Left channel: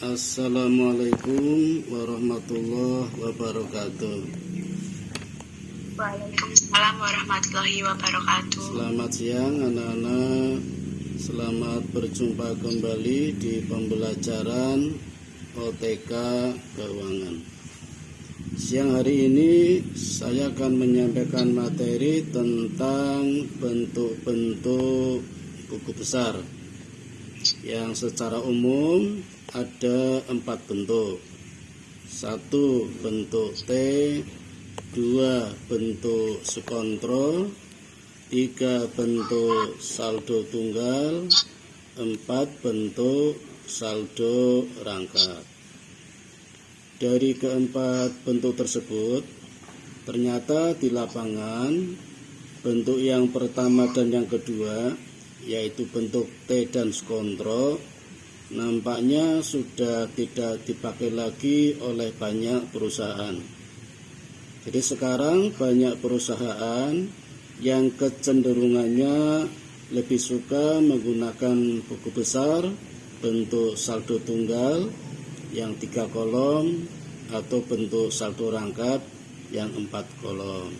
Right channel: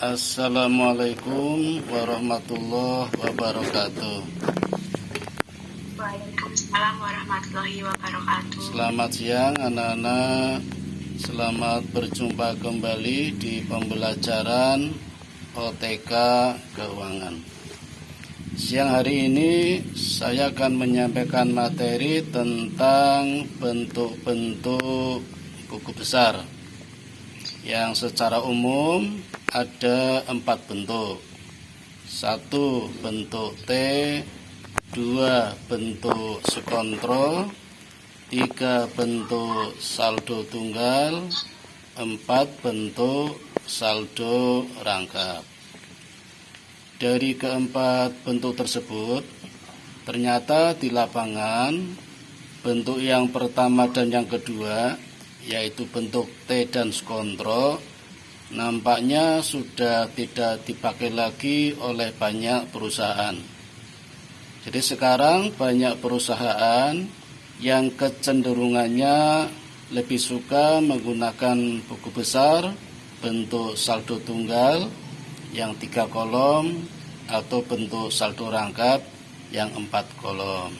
Assalamualaikum warahmatullahi wabarakatuh. Waalaikumsalam warahmatullahi wabarakatuh. Selamat siang anak-anak. Selamat berjumpa kembali di pembelajaran OTK Keuangan. Siang hari ini saya akan menyampaikan materi tentang bentuk-bentuk buku besar yang secara umum ada 4 bentuk. 1 bentuk T, 2 bentuk skontro, 3 bentuk saldo tunggal, 4 bentuk saldo rangkap. Dari keempat bentuk tersebut, ternyata di lapangan bentuk yang pertama dan yang kedua, yaitu bentuk T dan skontro, nampaknya sudah tidak dipakai lagi oleh banyak perusahaan. Jadi sekarang banyak perusahaan yang kecenderungannya lebih suka menggunakan buku besar bentuk saldo tunggal yang 3 kolom atau bentuk saldo rangkap yang 4 kolom.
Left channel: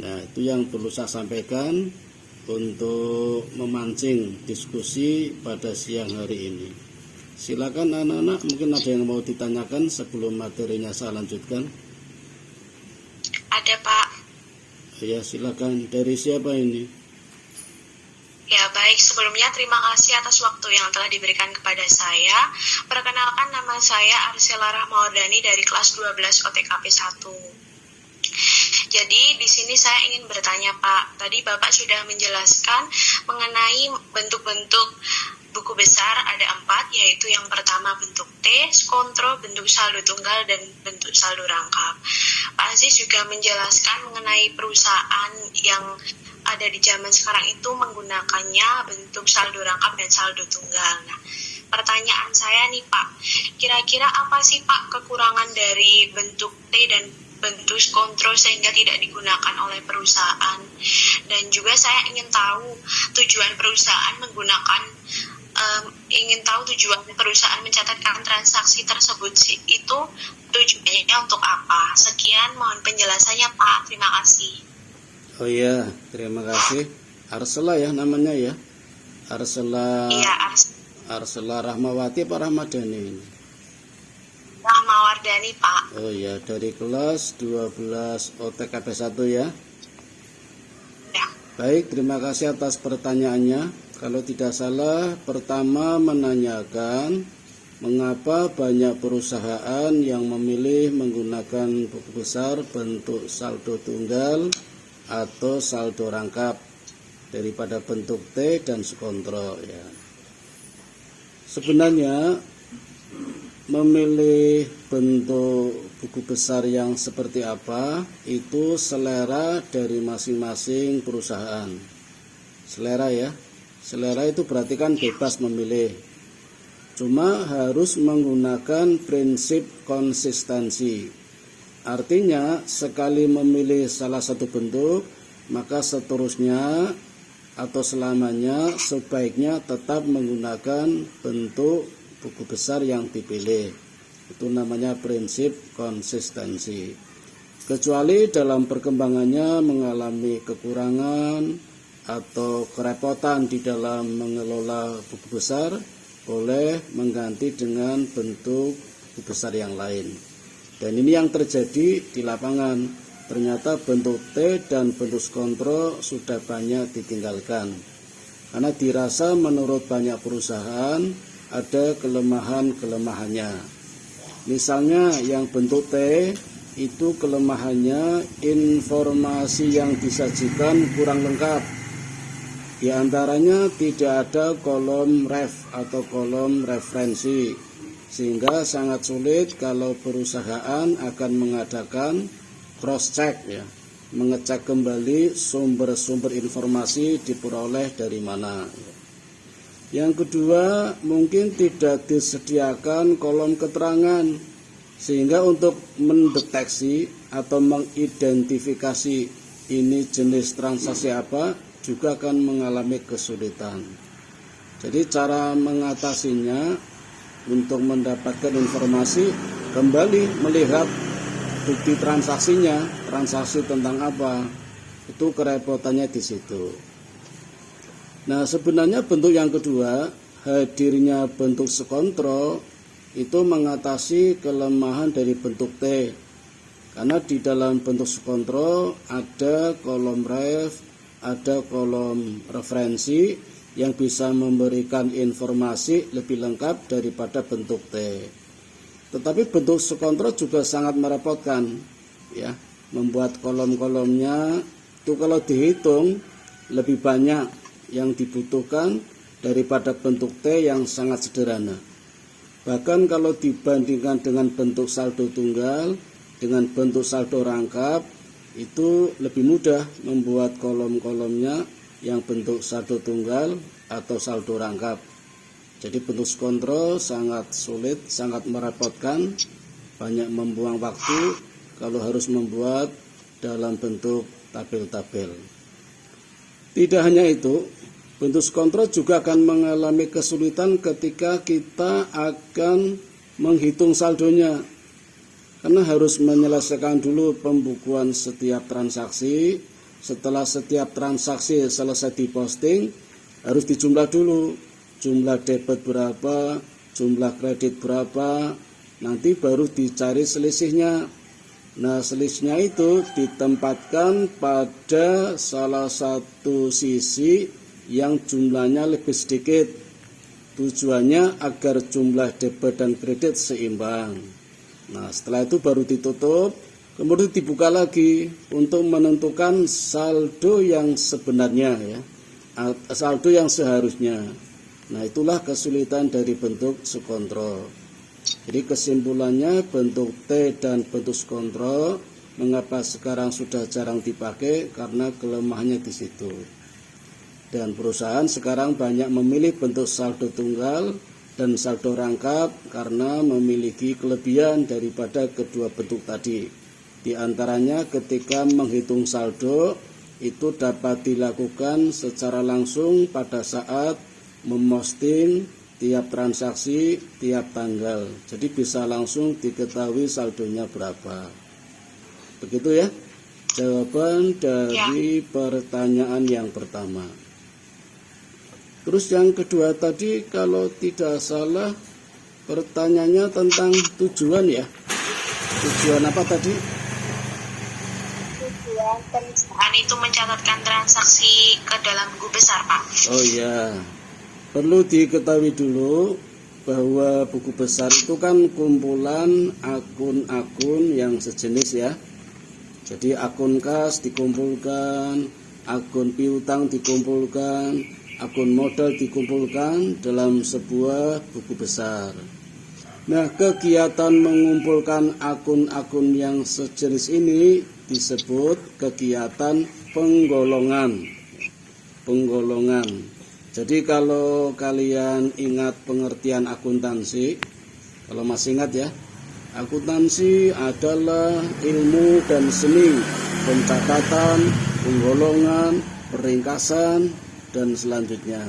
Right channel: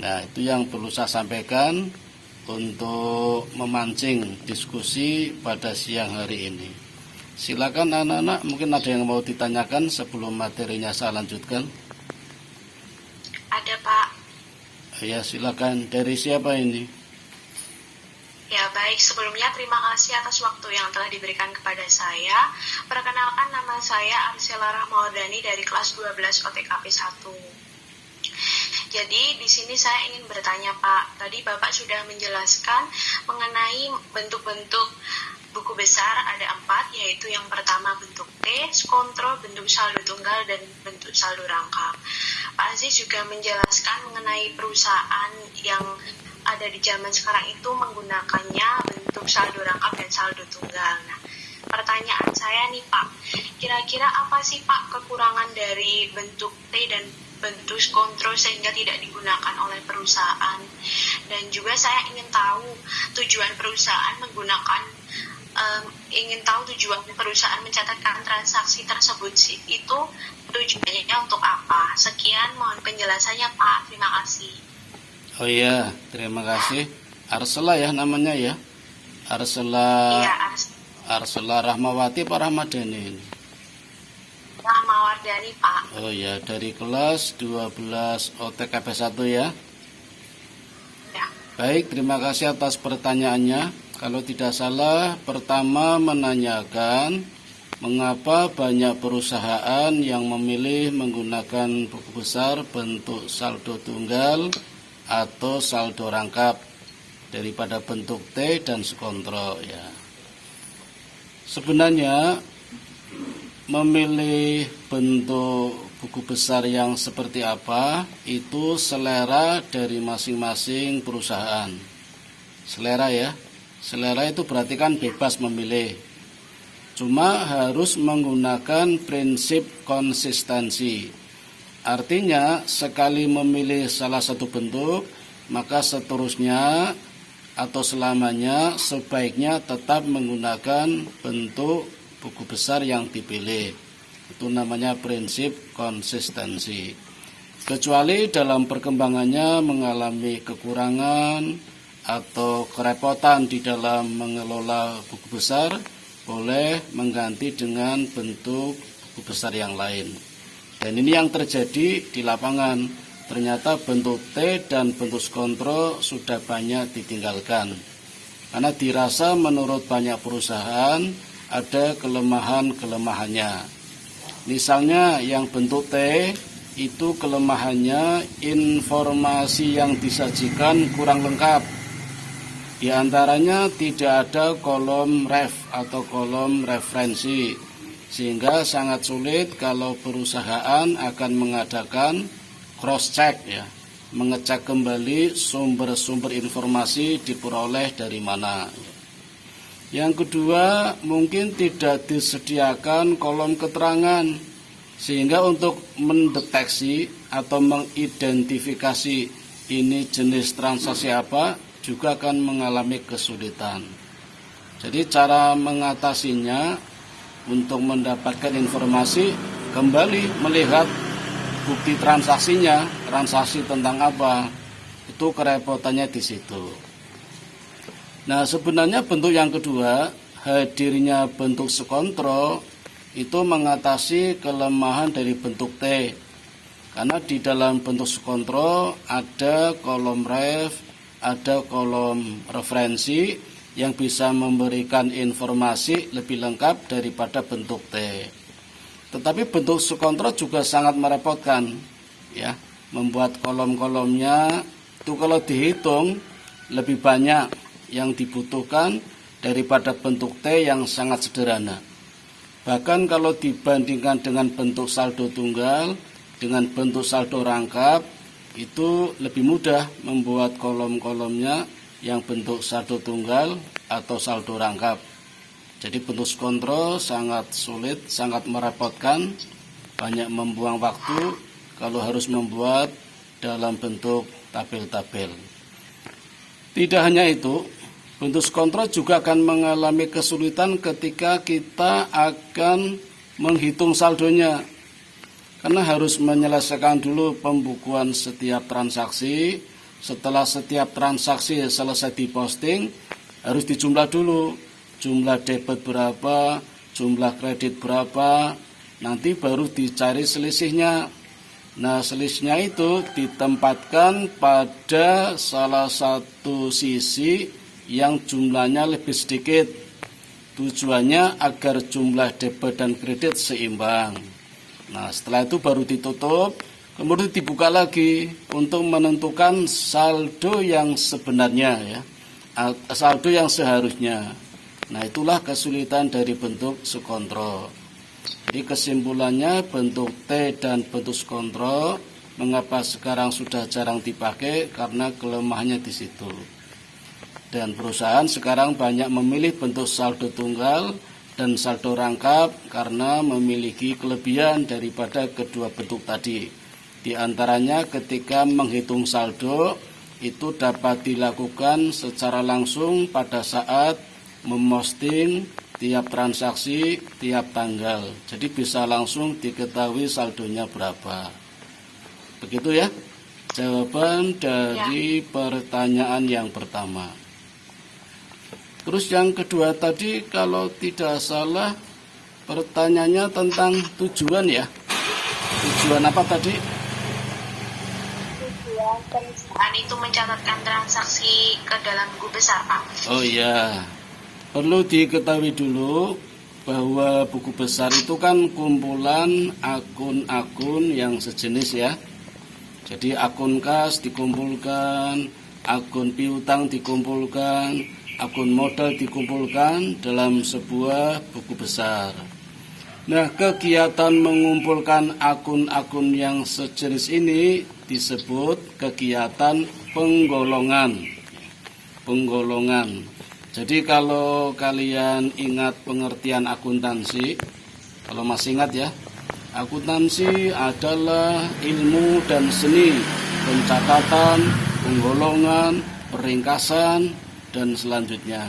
Nah, itu yang perlu saya sampaikan untuk memancing diskusi pada siang hari ini. Silakan anak-anak, mungkin ada yang mau ditanyakan sebelum materinya saya lanjutkan. Ada Pak. Ya, silakan. Dari siapa ini? Ya baik, sebelumnya terima kasih atas waktu yang telah diberikan kepada saya. Perkenalkan, nama saya Arsela Rahmawardani dari kelas 12 OTKP 1. Jadi di sini saya ingin bertanya Pak, tadi Bapak sudah menjelaskan mengenai bentuk-bentuk buku besar ada 4, yaitu yang pertama bentuk T, skontro, bentuk saldo tunggal, dan bentuk saldo rangkap. Pak Aziz juga menjelaskan mengenai perusahaan yang ada di zaman sekarang itu menggunakannya bentuk saldo rangkap dan saldo tunggal. Nah, pertanyaan saya nih Pak, kira-kira apa sih Pak kekurangan dari bentuk T dan bentuk skontro sehingga tidak digunakan oleh perusahaan? Dan juga saya ingin tahu tujuan perusahaan mencatatkan transaksi tersebut itu tujuannya untuk apa? Sekian, mohon penjelasannya Pak. Terima kasih. Oh iya, terima kasih. Arsela ya namanya ya. Arsela. Iya, Arsela Rahmawati apa Rahmadani ini? Rahmawardani Pak. Oh ya, dari kelas 12 OTKP 1 ya. Ya. Baik, terima kasih atas pertanyaannya. Kalau tidak salah, pertama menanyakan mengapa banyak perusahaan yang memilih menggunakan buku besar bentuk saldo tunggal atau saldo rangkap daripada bentuk T dan skontro ya. Sebenarnya memilih bentuk buku besar yang seperti apa itu selera dari masing-masing perusahaan. Selera ya. Selera itu berarti kan bebas memilih. Cuma harus menggunakan prinsip konsistensi. Artinya sekali memilih salah satu bentuk, maka seterusnya atau selamanya sebaiknya tetap menggunakan bentuk buku besar yang dipilih. Itu namanya prinsip konsistensi. Kecuali dalam perkembangannya mengalami kekurangan atau kerepotan di dalam mengelola buku besar, boleh mengganti dengan bentuk buku besar yang lain. Dan ini yang terjadi di lapangan. Ternyata bentuk T dan bentuk skontro sudah banyak ditinggalkan. Karena dirasa menurut banyak perusahaan ada kelemahan-kelemahannya. Misalnya yang bentuk T itu kelemahannya informasi yang disajikan kurang lengkap. Di antaranya tidak ada kolom ref atau kolom referensi, sehingga sangat sulit kalau perusahaan akan mengadakan cross check ya, mengecek kembali sumber-sumber informasi diperoleh dari mana. Yang kedua, mungkin tidak disediakan kolom keterangan, sehingga untuk mendeteksi atau mengidentifikasi ini jenis transaksi apa juga akan mengalami kesulitan. Jadi cara mengatasinya untuk mendapatkan informasi, kembali melihat bukti transaksinya, transaksi tentang apa, itu kerepotannya di situ. Nah, sebenarnya bentuk yang kedua, hadirnya bentuk skontro itu mengatasi kelemahan dari bentuk T. Karena di dalam bentuk skontro ada kolom ref, ada kolom referensi yang bisa memberikan informasi lebih lengkap daripada bentuk T. Tetapi bentuk skontro juga sangat merepotkan, ya. Membuat kolom-kolomnya itu kalau dihitung lebih banyak yang dibutuhkan daripada bentuk T yang sangat sederhana. Bahkan kalau dibandingkan dengan bentuk saldo tunggal, dengan bentuk saldo rangkap, itu lebih mudah membuat kolom-kolomnya yang bentuk saldo tunggal atau saldo rangkap. Jadi bentuk skontro sangat sulit, sangat merepotkan, banyak membuang waktu kalau harus membuat dalam bentuk tabel-tabel. Tidak hanya itu, bentuk skontro juga akan mengalami kesulitan ketika kita akan menghitung saldonya. Karena harus menyelesaikan dulu pembukuan setiap transaksi. Setelah setiap transaksi selesai diposting, harus dijumlah dulu. Jumlah debit berapa, jumlah kredit berapa, nanti baru dicari selisihnya. Nah, selisihnya itu ditempatkan pada salah satu sisi yang jumlahnya lebih sedikit. Tujuannya agar jumlah debit dan kredit seimbang. Nah, setelah itu baru ditutup, kemudian dibuka lagi untuk menentukan saldo yang sebenarnya, ya, saldo yang seharusnya. Nah, itulah kesulitan dari bentuk skontro. Jadi kesimpulannya, bentuk T dan bentuk skontro mengapa sekarang sudah jarang dipakai, karena kelemahannya di situ. Dan perusahaan sekarang banyak memilih bentuk saldo tunggal dan saldo rangkap karena memiliki kelebihan daripada kedua bentuk tadi. Di antaranya ketika menghitung saldo itu dapat dilakukan secara langsung pada saat memposting tiap transaksi, tiap tanggal. Jadi bisa langsung diketahui saldonya berapa. Begitu ya jawaban dari pertanyaan yang pertama. Terus yang kedua tadi kalau tidak salah pertanyaannya tentang tujuan, ya. Tujuan apa tadi? Tujuan perusahaan itu mencatatkan transaksi ke dalam buku besar, Pak. Oh iya, perlu diketahui dulu bahwa buku besar itu kan kumpulan akun-akun yang sejenis, ya. Jadi akun kas dikumpulkan, akun piutang dikumpulkan, akun modal dikumpulkan dalam sebuah buku besar. Nah, kegiatan mengumpulkan akun-akun yang sejenis ini disebut kegiatan penggolongan. Penggolongan. Jadi kalau kalian ingat pengertian akuntansi, kalau masih ingat ya, akuntansi adalah ilmu dan seni pencatatan, penggolongan, peringkasan, dan selanjutnya.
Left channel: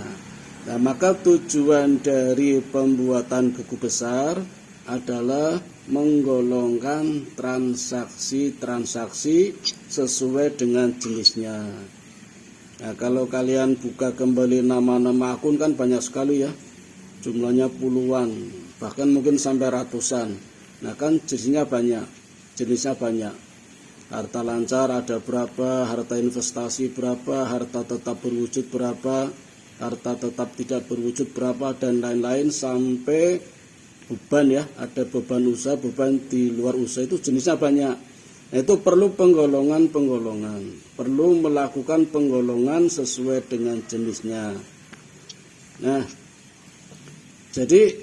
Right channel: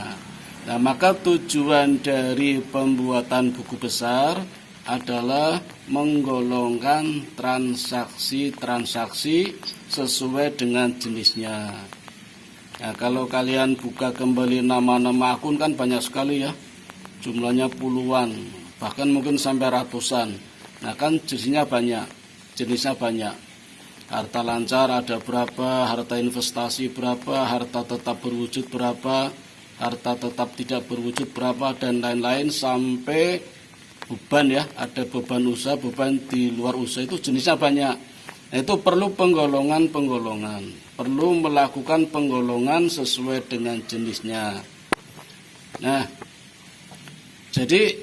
Nah, maka tujuan dari pembuatan buku besar adalah menggolongkan transaksi-transaksi sesuai dengan jenisnya. Nah, kalau kalian buka kembali nama-nama akun kan banyak sekali, ya. Jumlahnya puluhan, bahkan mungkin sampai ratusan. Nah, kan jenisnya banyak. Harta lancar ada berapa, harta investasi berapa, harta tetap berwujud berapa, harta tetap tidak berwujud berapa, dan lain-lain sampai beban, ya. Ada beban usaha, beban di luar usaha, itu jenisnya banyak. Nah, itu perlu penggolongan, perlu melakukan penggolongan sesuai dengan jenisnya. Nah, jadi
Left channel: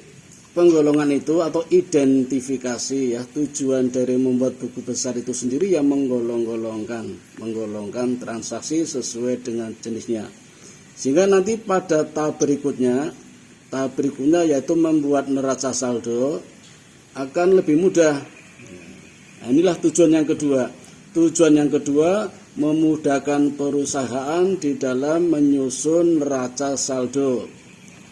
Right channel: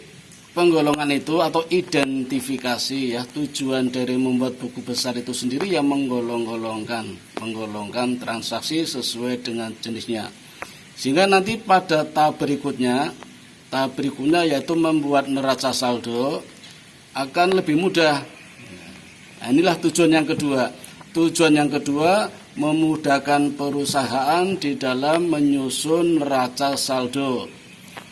penggolongan itu atau identifikasi, ya, tujuan dari membuat buku besar itu sendiri yang menggolongkan transaksi sesuai dengan jenisnya. Sehingga nanti pada tahap berikutnya yaitu membuat neraca saldo akan lebih mudah. Nah, inilah tujuan yang kedua. Tujuan yang kedua memudahkan perusahaan di dalam menyusun neraca saldo.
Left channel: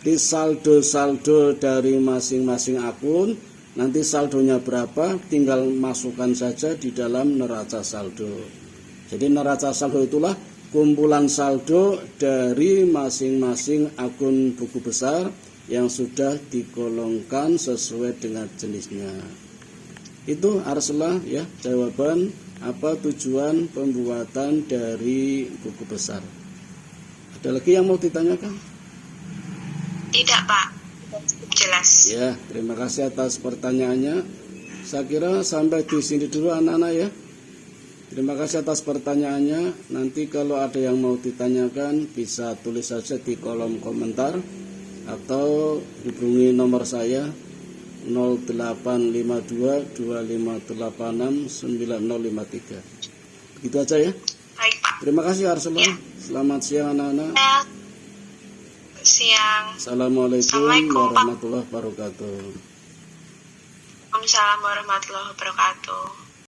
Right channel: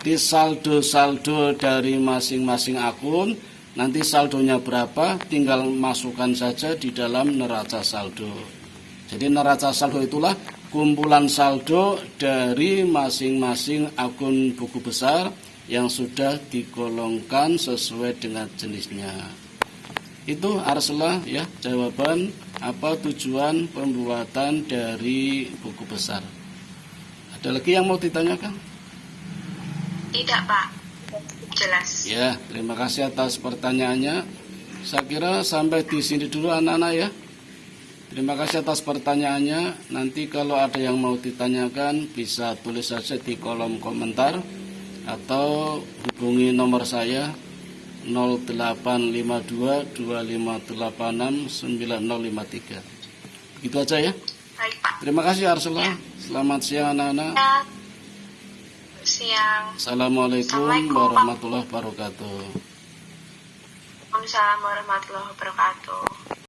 di saldo-saldo dari masing-masing akun. Nanti saldonya berapa, tinggal masukkan saja di dalam neraca saldo. Jadi neraca saldo itulah kumpulan saldo dari masing-masing akun buku besar yang sudah digolongkan sesuai dengan jenisnya. Itu Arsela ya, jawaban apa tujuan pembuatan dari buku besar. Ada lagi yang mau ditanyakan? Tidak, Pak. Jelas. Ya, terima kasih atas pertanyaannya. Saya kira sampai di sini dulu anak-anak ya. Terima kasih atas pertanyaannya. Nanti kalau ada yang mau ditanyakan bisa tulis saja di kolom komentar atau hubungi nomor saya 085225869053. Gitu aja ya. Baik, Pak. Terima kasih Arsela. Ya. Selamat siang anak-anak. Siang. Assalamualaikum Assalamualaikum, Pak. warahmatullahi wabarakatuh. Waalaikumsalam warahmatullahi wabarakatuh.